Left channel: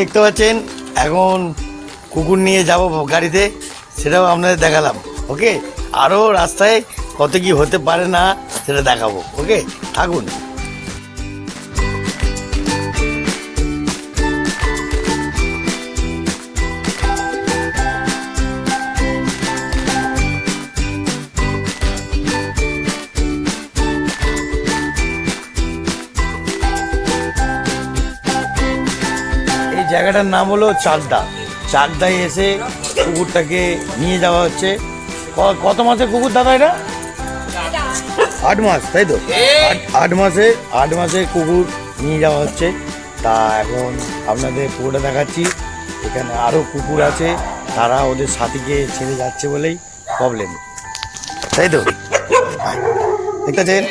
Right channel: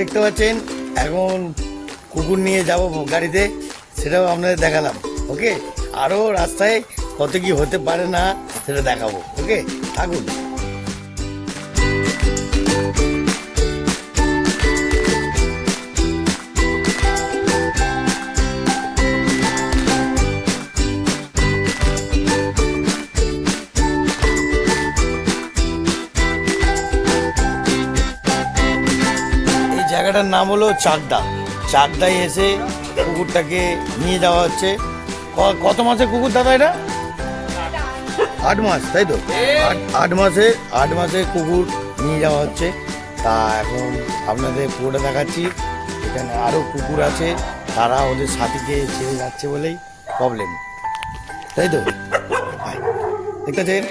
দেখতে পাচ্ছেন, এখন কুকুর নিয়ে যাব গাড়িতে, সেটাও আপনাদের দেখালাম, ওকে? আরও রাস্তায় কত কি হতে পারে না, সেটা দেখাবো, ওকে? থাকুন। এই জায়গাটার নাম হলো চাকদা। চাকদায় এসে কুকুরটাকে নিয়ে যাওয়া হচ্ছে। কত মাসে কুকুর দাদা এটা? আট মাস, তাই তো? আট- মাসে, আট মাসে কুকুর নিয়ে যাওয়া হচ্ছে। তা এখন আপনাদের পুরোটা দেখাচ্ছি। এখানে আরও কুকুর আছে। তারা ওদের সাথীকে ছেড়ে যাচ্ছে বলেই প্রবলেম তাই তো? আয়। দেখতেছেন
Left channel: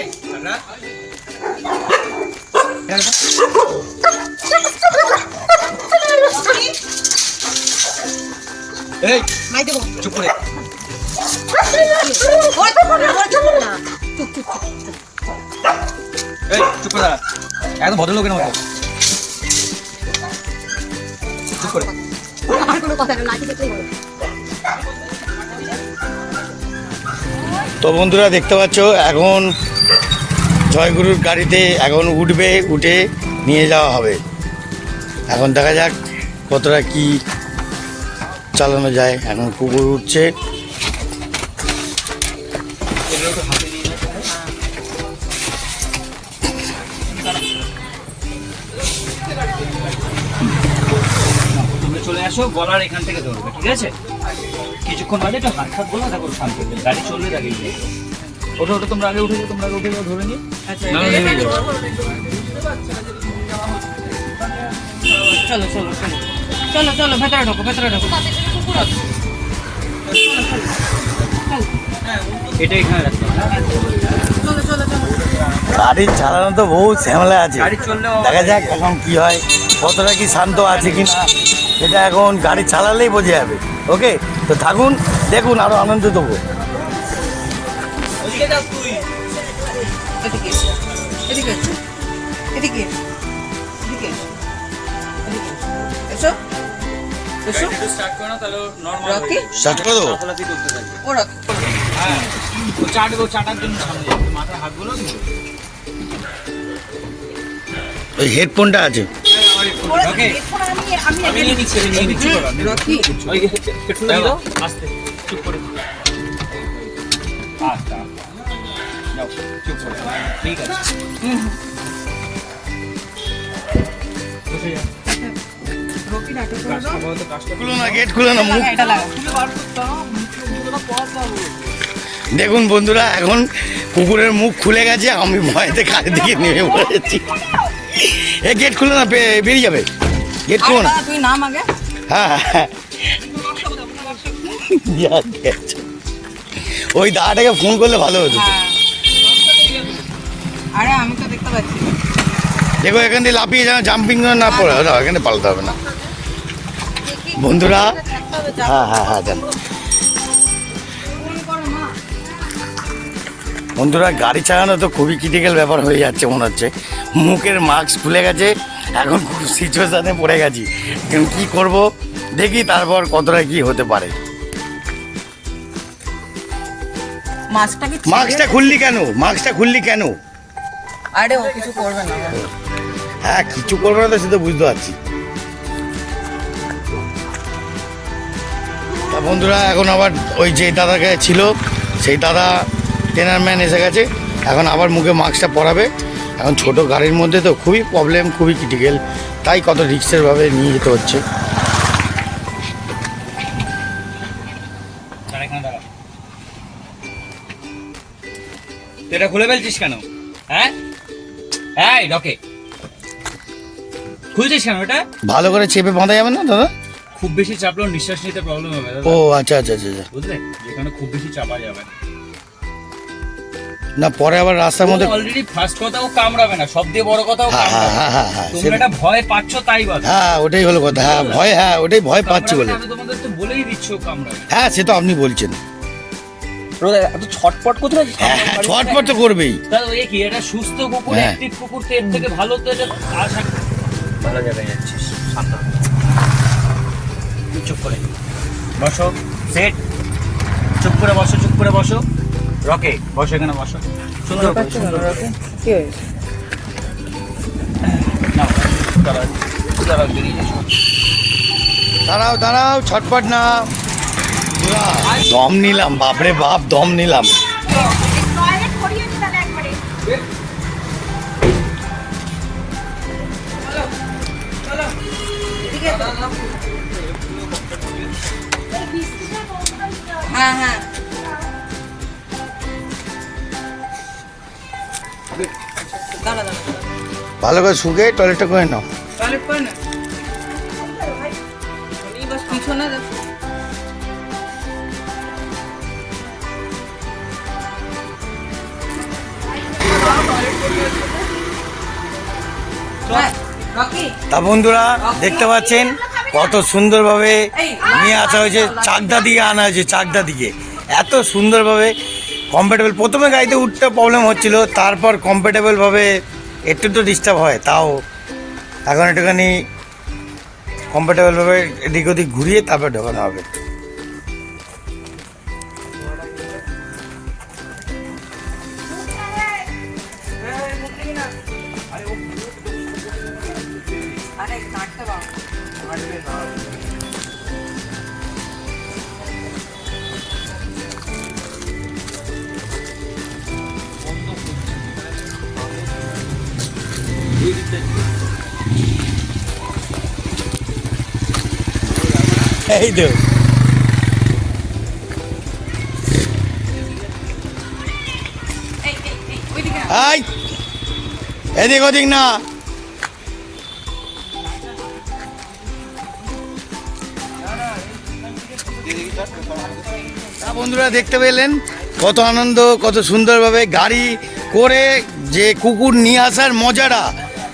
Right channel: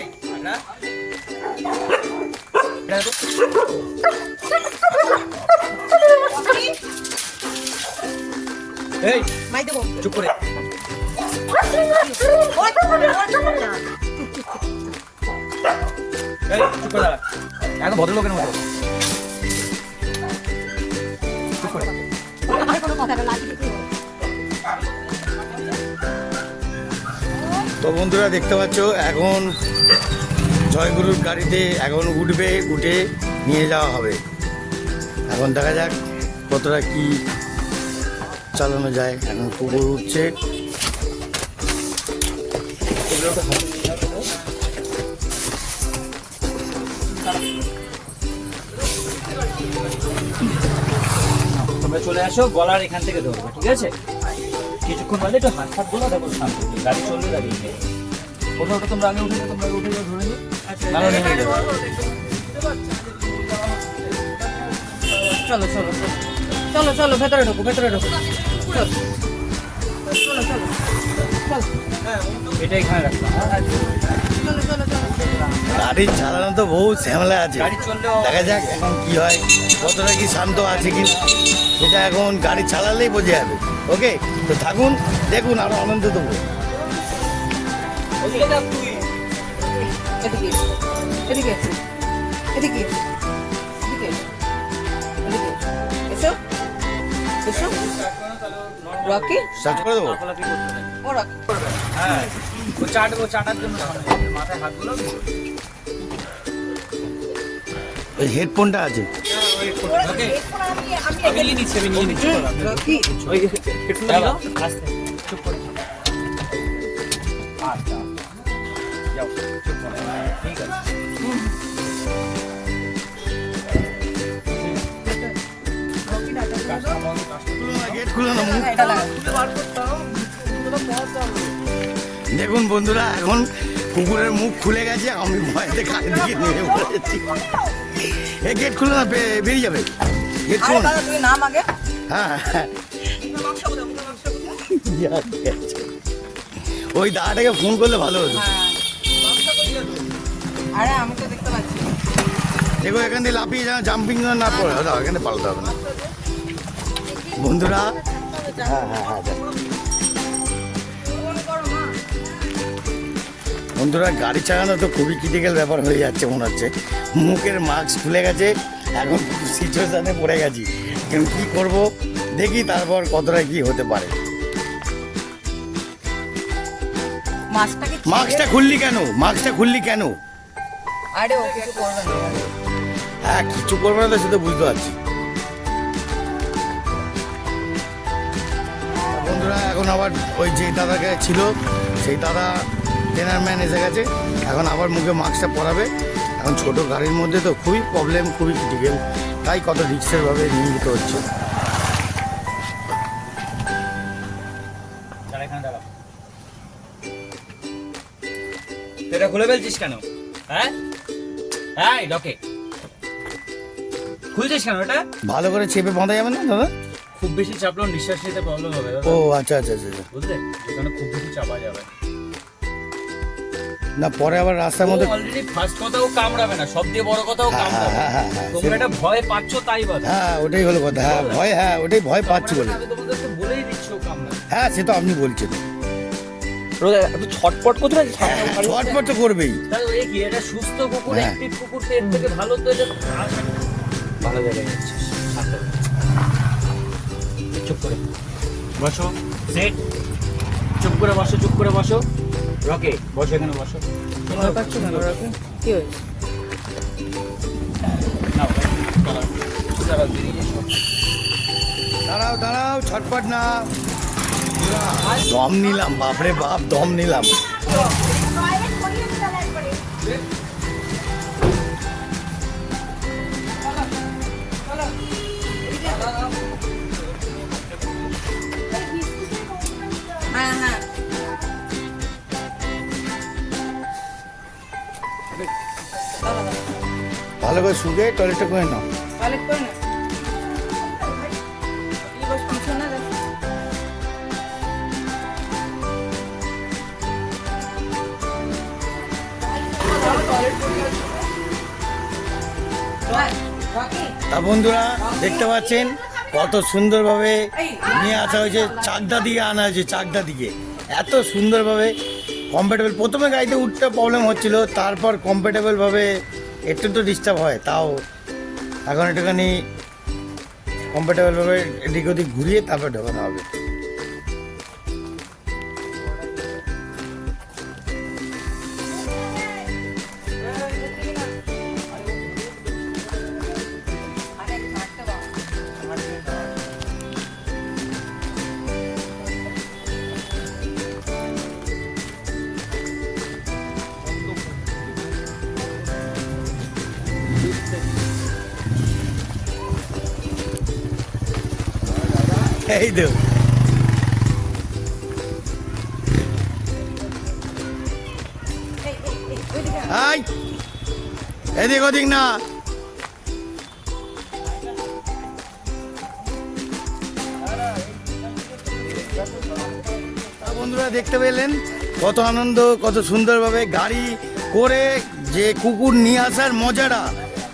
এই মাই দেবো। চুপ করে। ওই তো না ওই তো না এই চুপ করে দাঁড়া। ভদ্রলোকের মতো চুপ করে। আর কোনো কথা না নাকি দেখতে তো বন্ধুরা দেখতে পাচ্ছ এখন জয়গুরুর গাড়িতে এখন উঠবে উঠে নিয়ে যাওয়া হবে। এখন দেখা যাক কতটা কি চালানো যায়? এখন কুকুর উঠছে। চলে আসো গলার এখান থেকে ধরবে ঠিক আছে? কিছুক্ষণ বাদে একটু হাত হাত বলো দেখো শান্ত গাড়ি চললে ওঠো ওঠো তোমরা আগে উঠে তোমরা আগে উঠে ধরে নিও। নাহলে নেমে যাবে। চলো চলো। চলো চলো ভেতরে ঢোকো ভেতরে ঢোকো। এটা এখানে গাড়ি চালানো তো বহু ঝামেলা আছে। দেখা যাক এখন কি হয়। কতটা কি শান্ত আছে কি না এটা এখন গাড়ি চালালেই বোঝা যাবে। ওকে তো থাকুন দেখুন আরও আনন্দ দেবো। করে। দেবো হ্যাঁ চাটবো চাটার জন্য মাথায় হাতগুলো ওই হেডফোনটা আছে। ওকে আমি গেট খুলো না মুখ দেখুন বন্ধুরা এখন কুকুরের মুখ খুলে গেছে আমি ভয়তে কারের দিকে নেমে পড়েছি। এ গেট খুলে না বেরিয়ে যাবে। গেট আরে না। তুই নাম আগে। হ্যাঁ হ্যাঁ ওই দাদাটাকে ফোন করলে ভালো হতো। হ্যাঁ। আরে আমি তো দেখতে পাচ্ছি দেখো এখান থেকে লাফিয়ে যাও জাম্পিং না পড়ে এখানে পাল্টাতে হবে না। বন্ধুরা? হ্যাঁ হ্যাঁ হ্যাঁ যান বন্ধুরা গাড়ি চালানো তো খুবই ক্রিটিক্যাল ব্যাপার হয়ে যাচ্ছে মনে হচ্ছে। মুখের মাস্ক খুলে গেছে এখন খুব সিচুয়েশানে পড়ে গেছি। কিন্তু কী করব? দেখি তারপর কতটা কি হতে পারে। মাস্কটা খুললি? কেন? মাস্কটা খুললি কেন? আরে ও কিছু করবে না। হ্যাঁ কিছু করবে না তো সে তো বুঝতে পারছি। বন্ধুরা এখন আবার ওই যে দাদাকে ছিল সেই দাদা ট্রেনার ম্যান এসে গেছে। এখন আবার মুখে মাস্কটা পরাবে। এখন ছোট গাড়ির মধ্যে তো খুবই প্রবলেম খুবই ক্রিটিক্যাল তাই কত রিক্সের ভাবে নিয়ে যেতে হচ্ছে। এটা খুলে ফেলছিস কেন? হ্যাঁ? এই ডকে খুলছিস কেন এটা? ভালো করে চেপে বাঁধা যাবে না দাদা? খুব বেশি চাপলেও নিঃশ্বাস নিতে প্রবলেম হবে ও আচ্ছা আচ্ছা আচ্ছা আচ্ছা। বুঝলে? এখানে খুব বেশি চাপা যাবে। না। না পরে আবার রাস্তার মধ্যে অলরেডি ফার্স্ট কথাও কামড়াবে না সব দিয়ে বড় কথাও হ্যাঁ হ্যাঁ কামড়াবে। হ্যাঁ তোমরা এটা ভয় পাচ্ছ তাই বল। হ্যাঁ ওটাই হলো কথা। হ্যাঁ ভয় হ্যাঁ ওটাই ভয় পাচ্ছি বলে। তোমাদের তো বলেই দিচ্ছি কামড়াবে। হ্যাঁ সে তো আপনি বলছেন। ছটপট কোথায়? হ্যাঁ হ্যাঁ ছটপট তো করবেই। তাহলে ওই কি এটা সুস্থ কুকুর হ্যাঁ। অ্যাক্টিভ কুকুর এর থেকে ভালো তো এটা আর ভালো যাবে শান্ত বসো। সেট চুপ করে বসো চুপ করে বসো। রকে বসো এখানে বসো। সুন্দর করে, সুন্দর করে। দাঁড়াও, দাঁড়াও, ছটপট না। দম নিলাম বাপরে বাপ দম নিলাম। হ্যাঁ হ্যাঁ। ভালো করে শুকে টয়লেটটা করে নাও। টয়লেট করে না। বন্ধুরা দেখতে পাচ্ছেন? কত সুন্দরভাবে নিয়ে আসা হয়েছে চাকদা দিকে আনা হয়েছে চাকদা দিকে। এত সুন্দরভাবে কমফর্টেবল প্রথমে গাড়িতে উঠতে প্রবলেম হচ্ছিল তারপর কমফর্টেবলভাবে একটু তো ডিস্টার্ব হয় তাও এখন একটুখানি কমফর্টেবলভাবে এদিক ওদিক ঘুরিয়ে তারপর ঢোকানো হবে। এই না। আই, এদিক ওদিক না বন্ধুরা দেখতে পেলেন, কত আনন্দ, কত সুন্দরভাবে গাড়ি করে যে কুকুর নিয়ে আসার মজাটা,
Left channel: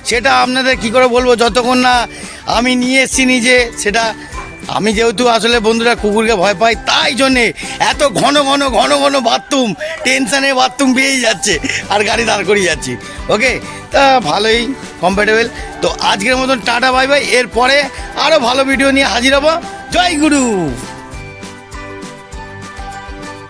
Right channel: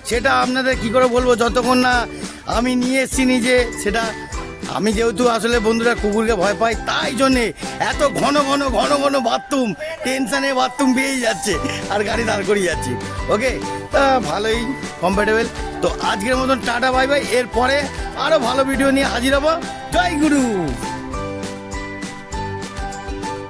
সেটা আপনাদের কি করে বলব, যতক্ষণ না আমি নিয়ে এসেছি নিজে, সেটা আমি যেহেতু আসলে বন্ধুরা কুকুরকে ভয় পাই, তাই জন্যে এত ঘন ঘন ঘন ঘন বাথরুম, টেনশনে বাথরুম পেয়েই যাচ্ছে আর গাড়ি দাঁড় করিয়ে যাচ্ছি। ওকে? তা ভালোই কমফর্টেবল তো আজকের মতন টাটা, বাই বাই। এরপরে আরও ভালো ভিডিও নিয়ে হাজির হব। জয় গুরু!